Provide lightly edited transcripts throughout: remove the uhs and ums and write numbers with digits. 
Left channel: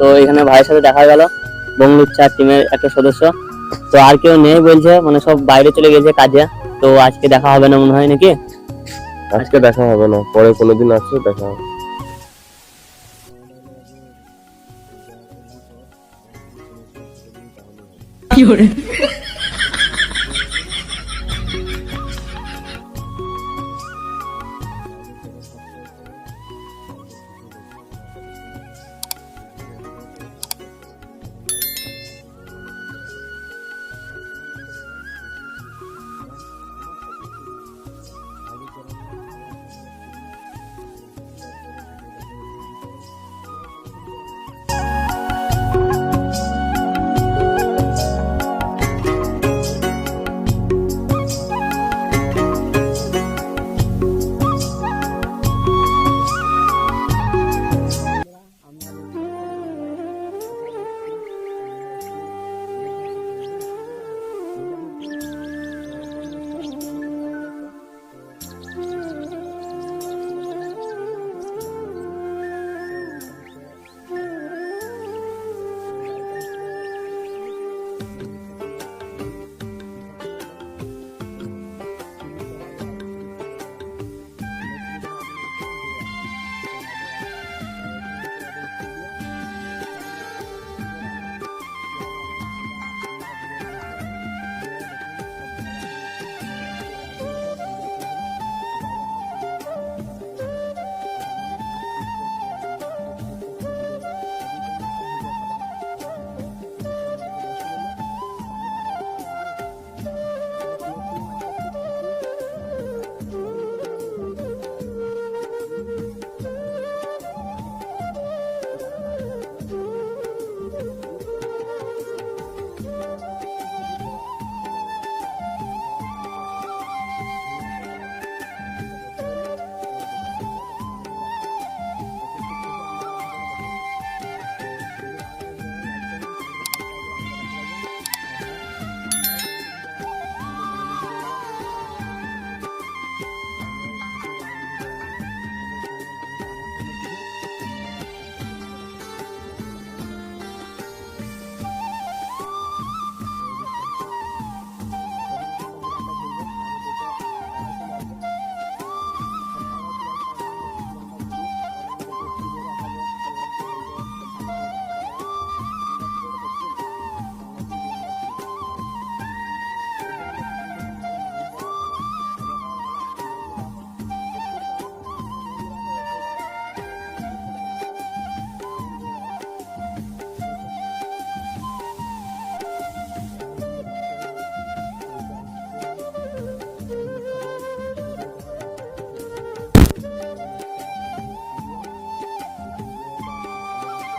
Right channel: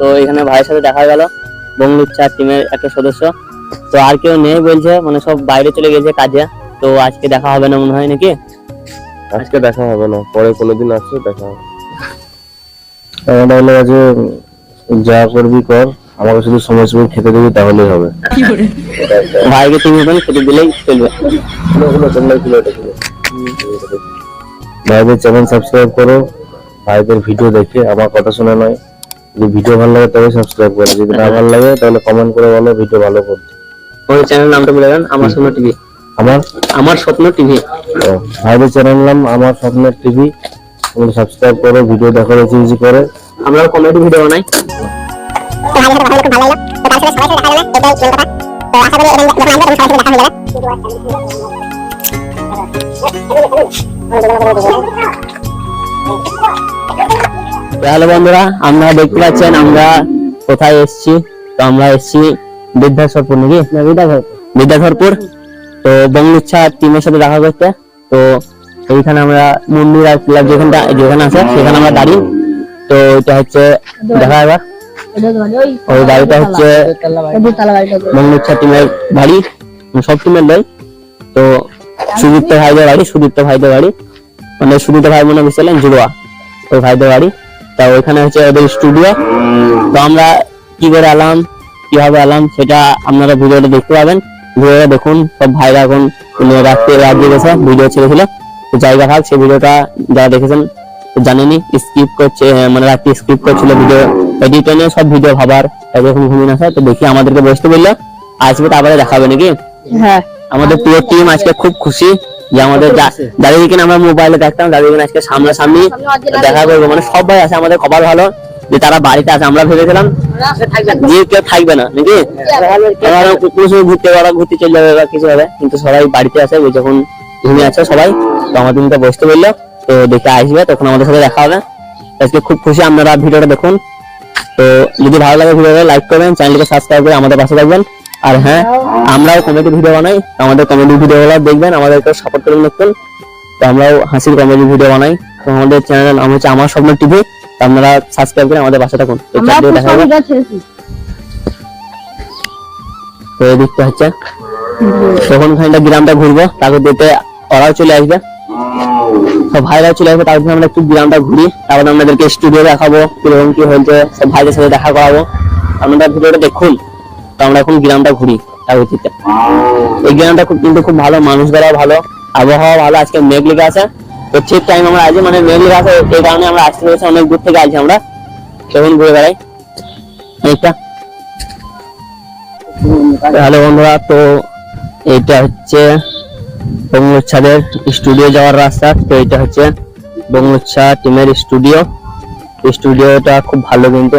তো এখানে ভাইয়ের সাথে দেখা গেল, বঙ্গলুচ্ছা টিমের একটা সদস্য। তো আর কেউ নেই বলছে, মানে সব বাইরে চলে গেছে কাজে। তো আজকে দেখা হবে না মনে হয় নাকি? আজকে দেখা হবে না, পরে কোনোদিন আসছে দেখা হবে। এমনটা হলো যে যা করবি কর, আমাকে শুধু সময় সময় খেতে দিবি তাহলেই হবে। ভাইকে তুমি খেতে দিলেই চলবে। ভাইদের চ্যানেল সাবস্ক্রাইব করো, ভাইদের ভিডিও দেখে আমার কথা শুনে নয়। যদি ভিডিও ভালো লাগে তবে সাবস্ক্রাইব করো, যদি না ভালো লাগে তাহলে কমেন্ট করে বলো ভিডিও ভালো করতে। ওই চ্যানেল নামটা বলে দেন, আমার স্বপ্ন টিভি। আমার স্বপ্ন টিভি। ভাইদের চ্যানেল নাম আমার স্বপ্ন টিভি, সাবস্ক্রাইব করো, ভিডিও দেখো বেশি বেশি করে। আমরা কমেডি ভিডিও বানাই। হ্যালো বন্ধুরা, আমরা দেখতে পাচ্ছেন আমরা কোথায় এসেছি। তো আমরা এসেছি বিদ্যাধরপুর নাকি, বিদ্যাধরপুর। তো বঙ্গলুচ্ছা টিমের সাথে দেখা করতে। তো এইখানে আমরা মন্দির আর ক্লাব যেখানে আছে সেখানে আমরা দাঁড়িয়ে। তো এটা হচ্ছে দেখা যাবে, ওই বাড়িটা হচ্ছে বঙ্গলুচ্ছা টিমের বাড়ি, সব টিমের নয়। তো সুদীপ্ত ভাইদের বাড়ি, মানে সুদীপ্ত ভাই মনে বুঝছিলেন জুড়োয়া, ওই ভাইদের বাড়ি। তা ওইখানে হচ্ছে ওদের স্টুডিও। তো আমরা কি করে এলাম, কিভাবে এলাম সেটা আপনারা ভিডিওটা দেখতে পাবেন। ভিডিওটা দেখুন, সব ভাইরা এখন রাত্রে গেছে ভিডিও ছেড়েছিল তো জায়গা ভাগ, সেই ভিডিওটা যারা দেখেছেন জানেনি, স্কিপ করছে, মানে রাত্রি স্কিপ করছিল ভিডিও এডিটে নিয়ে, সব ভিডিও ভাবার এরকম ঘুমিয়ে আসে। তো দেখি আমাদেরকে বসতে বললো, আসবে তারপরে দেখাবে নাকি। হ্যাঁ, আমাদের পুরো টিম আজকে খুব খুশি যে আমাদের যাদেরকে আমরা মোবাইলে দেখতাম তাদেরকে আজকে সামনাসামনি দেখা করবো। মানে সবাই আছে, আমাদের খবর ভালো যে তারা বাড়িতে আছে। আমরা ভেবেছিলাম যে কেউ থাকবে না নাকি, ঘুরতে চলে যাবে বা কিছু হবে, কিন্তু সবাই বাড়িতে আছে, ওই যখন ঘুমিয়ে আছে সবাই। তো আমাদের বসতে বললো, তো দেখে আসবে, তখন আমাদের সাথে দেখা হবে। আজকে খুব খুশি, আপনারা ভিডিওটা দেখুন। তো যদি ভালো লাগে ভিডিওটা লাইক করবেন, চ্যানেলকে সাবস্ক্রাইব করে আমাদের পাশে থাকবেন। আর হ্যাঁ, আমরাও কমেডি ভিডিও বানাই, আমাদের কমেডি ভিডিওগুলো দেখবেন, আমাদেরকে সাপোর্ট করুন দেখুন। তো আমরাও হাসির কমেডি ভিডিও বানাই। তো আমাদের চ্যানেল নাম হচ্ছে আমার স্বপ্ন টিভি। আপনারা সাবস্ক্রাইব করে আমাদের পাশে থাকুন। তো এদিকটা হচ্ছে তখন খানিকটা গ্রামটা ঘুরবো, তারপর দেখতে ওরাও চলে আসবে, সব ভাইরাও চলে আসবে। তারপর আমরা একটু গ্রামটা ঘুরি, তারপর আপনাদেরকে স্টুডিও দেখাবো কিরকম কি হয়েছে, সব ভাইদের সাথে দেখা করাবো। আপনারা ভিডিওটা দেখুন। তো আমরা এখন গ্রামটা ঘুরি। এই গ্রামটা কিন্তু খুব ভালো, মানুষ দ্বারা ভালো, আবহাওয়া ভালো। আজকে মেঘ লেগে আছে, তো ঠিক টাইম আমরা আছি, মানে মেঘ লেগে আছে এই কারণে আমরা আসতে পেরেছি, অনেক দূর থেকে আছি আমরা, সেখানে ঘুরে বেড়াই এইটা। হ্যালো বন্ধুরা, তো এইটা হচ্ছে বঙ্গলুচ্ছাদের স্টুডিও যাওয়ার রাস্তা। তো এটা হচ্ছে বঙ্গলুচ্ছা টিমের স্টুডিওটা খুব ভালো, কিন্তু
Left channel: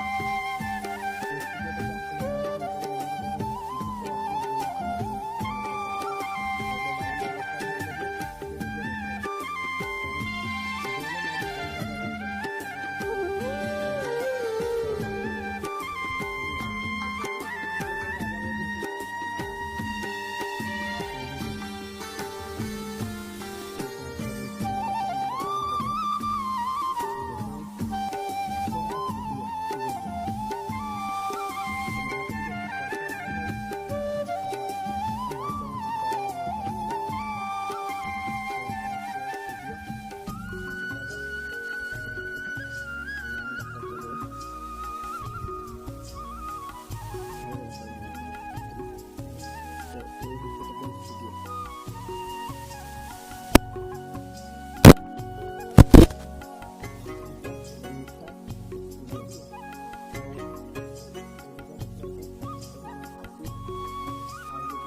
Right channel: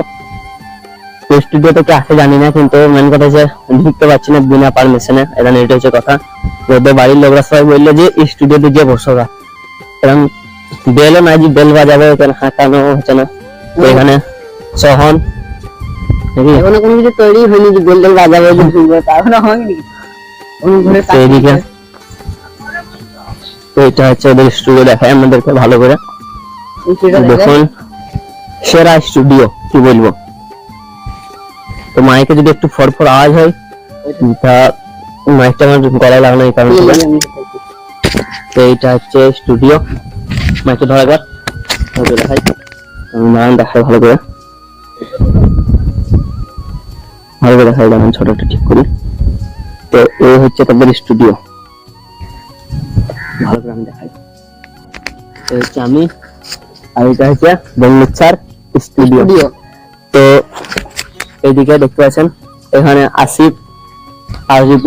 স্টুডিওতে কে আসে জানি না, কিন্তু মেন কথা হচ্ছে ঢুকতে পারছি না বিনা পারমিশনে। এখানে এটা হচ্ছে কথা, ওদের বাড়ির লোকরা সবাই বললো যে স্টুডিওতে গিয়ে বসো, কারণ বেলও না, যে বেল বাজাবে ওখানে হাঁকানো হচ্ছে না। তো এখানে সহন এখনো কোনো কিছু তৈরি হয়নি যে বেল বাজাবে, এখনো হয়নি এইদিকে। তো এটা হচ্ছে ওদের স্টুডিও, দেখায় আমাদেরকে ভালো করে দেখুন, সেরা স্টুডিও কি বলবো। তো মাইকে যদি একটু ফড়ফড় আওয়াজ হয়, তা মাইকটা আমার গলায় লাগানো এই কারণে। তো এইটা হচ্ছে স্টুডিও, মাইকে ধরা যাক, দেখাই নাম দেখায় ভালো করে দেখাই, যেমন ছোটটা ঠিক করি। তো এই হচ্ছে তাদের স্টুডিও, ভালো করে আমি দেখাই। তো হচ্ছে আমি, আর এটা হচ্ছে বঙ্গলুচ্ছার স্টুডিও। তো এইদিকে দেখতে পাচ্ছেন এখানে আসিফ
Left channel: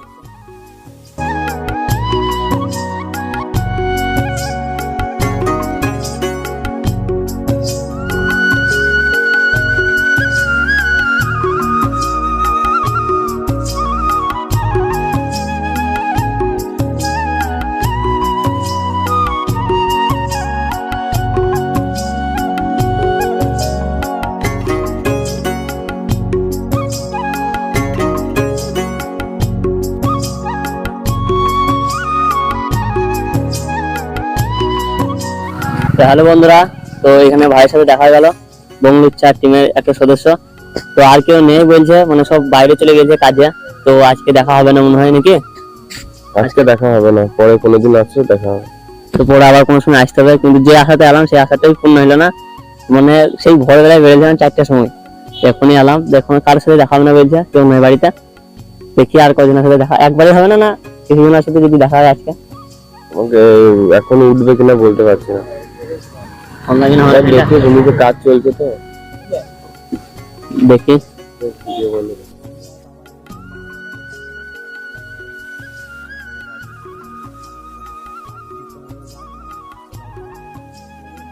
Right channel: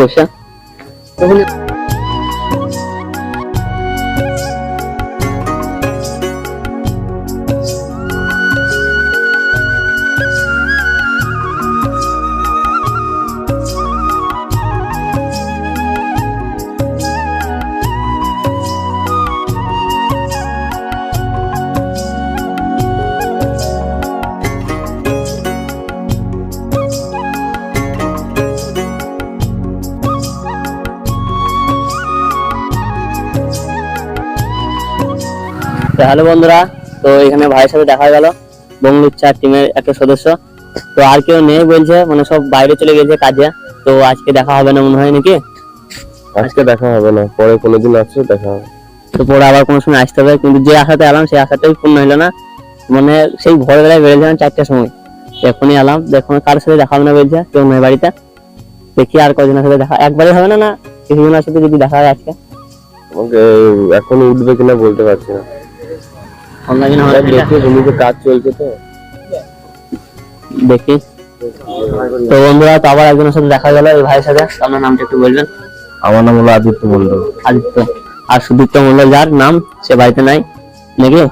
বসে। হ্যালো বন্ধুরা, তো এখানে ভাইয়ের সাথে দেখা গেল, বঙ্গলুচ্ছা টিমের একটা সদস্য। তো আর কেউ নেই বলছে, মানে সব বাইরে চলে গেছে কাজে। তো আজকে দেখা হবে না মনে হয় নাকি? আজকে দেখা হবে না, পরে কোনোদিন আসছে দেখা হবে। তো পরে আবার কোনো সময় আসতে হবে, কিন্তু যে আশাতে এলাম সেই আশাটাই পূর্ণ হলো না। মানে সেই ভোরবেলায় বেরিয়েছিলাম 4টার সময়, এখনই এলাম, দেখুন কার সাথে দেখা হবে না বলছে, কেউ নয় বাড়িতে। দেখি আর কজনের সাথে দেখা, একবারে হবে না, না কিছুজনের সাথে যদি দেখা হয় আজকে। আমাকে এখন উঠবে কিনা বলতে পারছি না, অনলাইনে হবে দেখি জমিতে কাজ চলছে তো। দেখি। তো বন্ধুরা, তো আবার একজনের সাথে দেখা গেল, এই ভাইয়ের সাথে। আপনার নামটা একটু বলবেন? আমার নাম হলো আদিত্য মন্ডল। আদিত্য। আর সুদীপ্ত মন্ডল যার নাম, সে বাড়িতে নাই নাকি?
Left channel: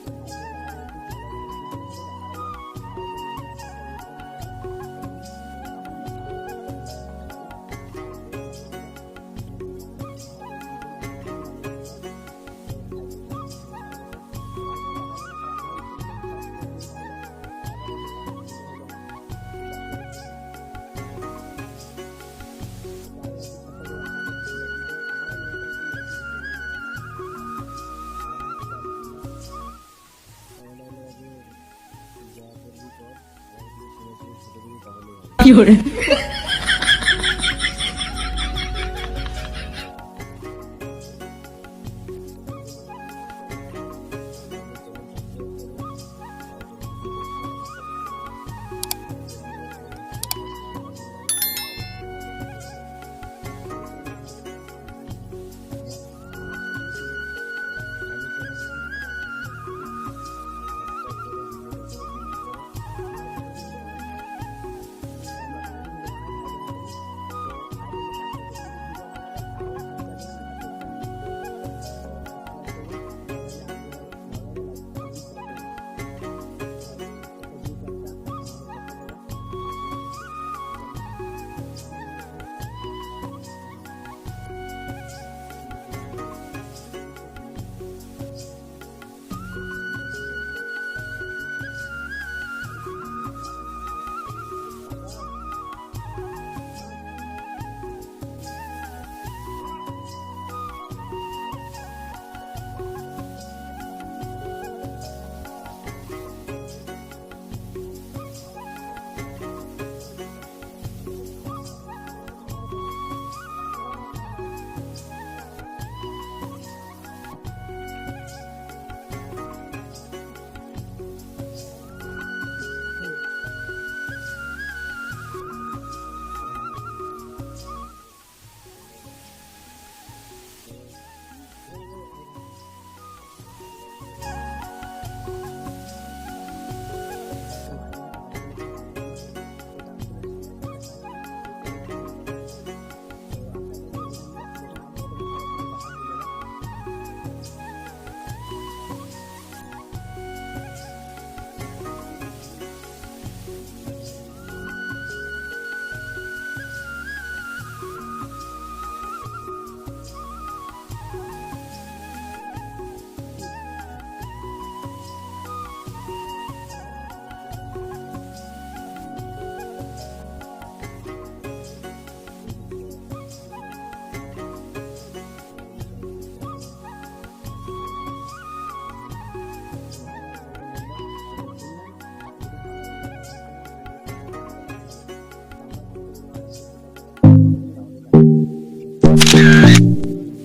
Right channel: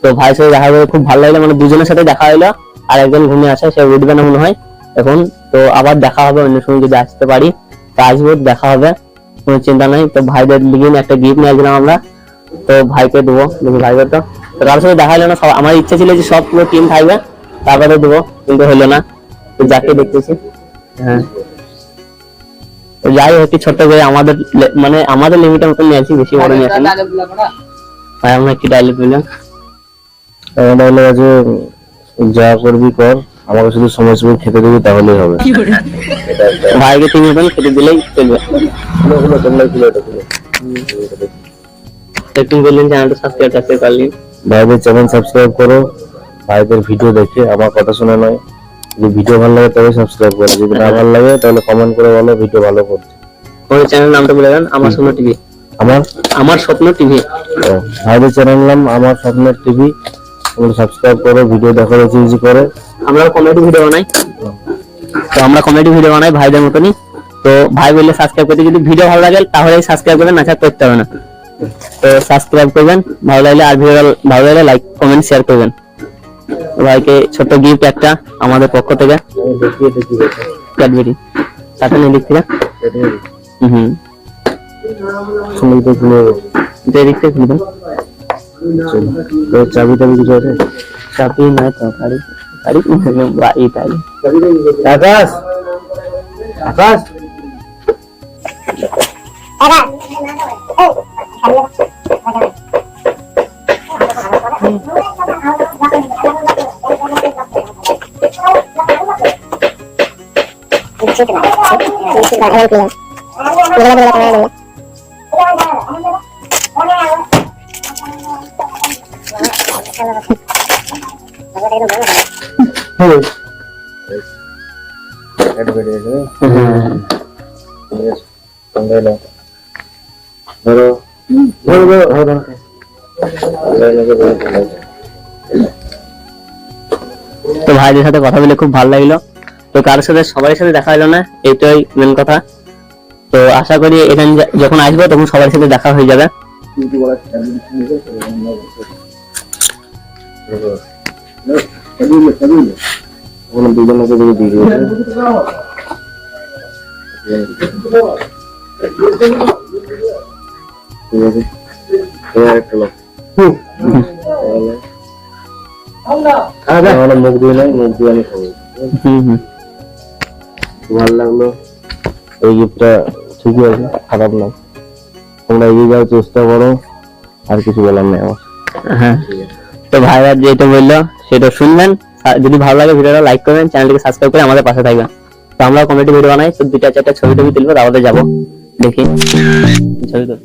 তো ভাইয়ের সাথে দেখা করে খুব ভালো লাগলো, মানে দুজনের সাথে দেখা হলো। আর একজন ঘুমিয়ে আছে, সে উঠবে না মনে হয় এখন। তো আবার দেখা হবে অন্য সময়, যদি আসতে পারি তো আসবো, দেখা হবে, কোনো চিন্তা নাই। তো ভাইদের লিগে একটা গিফট নিয়ে আসলাম আমরা, তো ভাইকে দেবো, দেখি ভাইকে। তো কারোর সাথে দেখা হলো না, সব আমার ইচ্ছা ছিল যে সব পুরো টিম থাকবে তারপরে দেবো, কিন্তু হলো না। তো যাকে দেখতেছি, হ্যাঁ তো যাই হোক, ছোট্ট করে আমাদের মানে আমাদের লিমিটের মতন নিয়ে আসি, বেশি বড় নিয়ে আসি না। ভাই আমরা কি ডায়লগ বললাম? আমাদের হলো যে যা করবি কর, আমাকে শুধু সময় সময় খেতে দিবি তাহলেই হবে। ভাইকে 3 মতন খেতে দিলেই চলবে। একটু বললেন চ্যানেলটা সাবস্ক্রাইব করলি। ভাইদের চ্যানেল সাবস্ক্রাইব করো, ভাইদের ভিডিও দেখে আমার কথা শোনা নয়। যদি ভিডিও ভালো লাগে তবে সাবস্ক্রাইব করো, যদি না ভালো লাগে তাহলে কমেন্ট করে বলো ভিডিও ভালো করছে। ওই চ্যানেল নামটা বলে দেন, আমার স্বপ্ন টিভি। আমার আমার স্বপ্ন টিভি। ভাইদের চ্যানেল নাম আমার স্বপ্নের টিভি, তোমরা সাবস্ক্রাইব করো, ভিডিও দেখো, বেশি করে। আমরা কমেডি ভিডিও বানাই, তো আমরা কমেডি ভিডিও বানাই ভাইদের মতনই। তো ভাই বললে সাবস্ক্রাইব করতে, যদি ভিডিও ভালো লাগে তাহলে সাবস্ক্রাইব করবেন, না করতে হবে না। তো সাবস্ক্রাইব করবেন ভালো লাগলে, আর ভিডিও ভালো লাগলে লাইক কমেন্ট শেয়ার করবেন। ভাইকে ছোট্ট গিফট একটা আমাদের পক্ষ থেকে, ক্যাডবেরি সাথে নিয়ে দিচ্ছি। হুম শুনে তো শুনে দেখতে খুলবেন। চাবি টাবি কিছু আছে? চাবি না তো, গাড়ি গাড়ি তাই। আকাশ, আকাশ, তো ভাইদের সাথে কথা বলে খুব ভালো লাগলো। তো কারোর সাথে সবার সাথে দেখা হলো না, এইটাই মেন কথা। তো আশা করি এখানে যখন আসবো তখন সবার সাথে দেখা হয়ে যাবে। দুজনকে দিয়ে দিয়েছে। ঠিক আছে, তোমার একটা লোক মুখ দিয়ে নাই, মুখ দিয়ে আমি খাবো। ভালো লাগলো, এই গিফটটা ঠিকই আছে, খারাপ না। তোমরা এগিয়ে যাওয়ার চেষ্টা করো, আর কিছু বলার নেই আমার। হ্যাঁ, তো ভাইরা যেটা বললো সেটা শুনবেন। যদি ভালো লাগে ভিডিওটা লাইক করবেন, চ্যানেলটিকে সাবস্ক্রাইব করে আমাদের পাশে থাকবেন। তো আমরা কমেডি ভিডিও বানাই, তো 2-4টা ছবি তুলবো, তারপরে যাবো দেখি ছবি তো।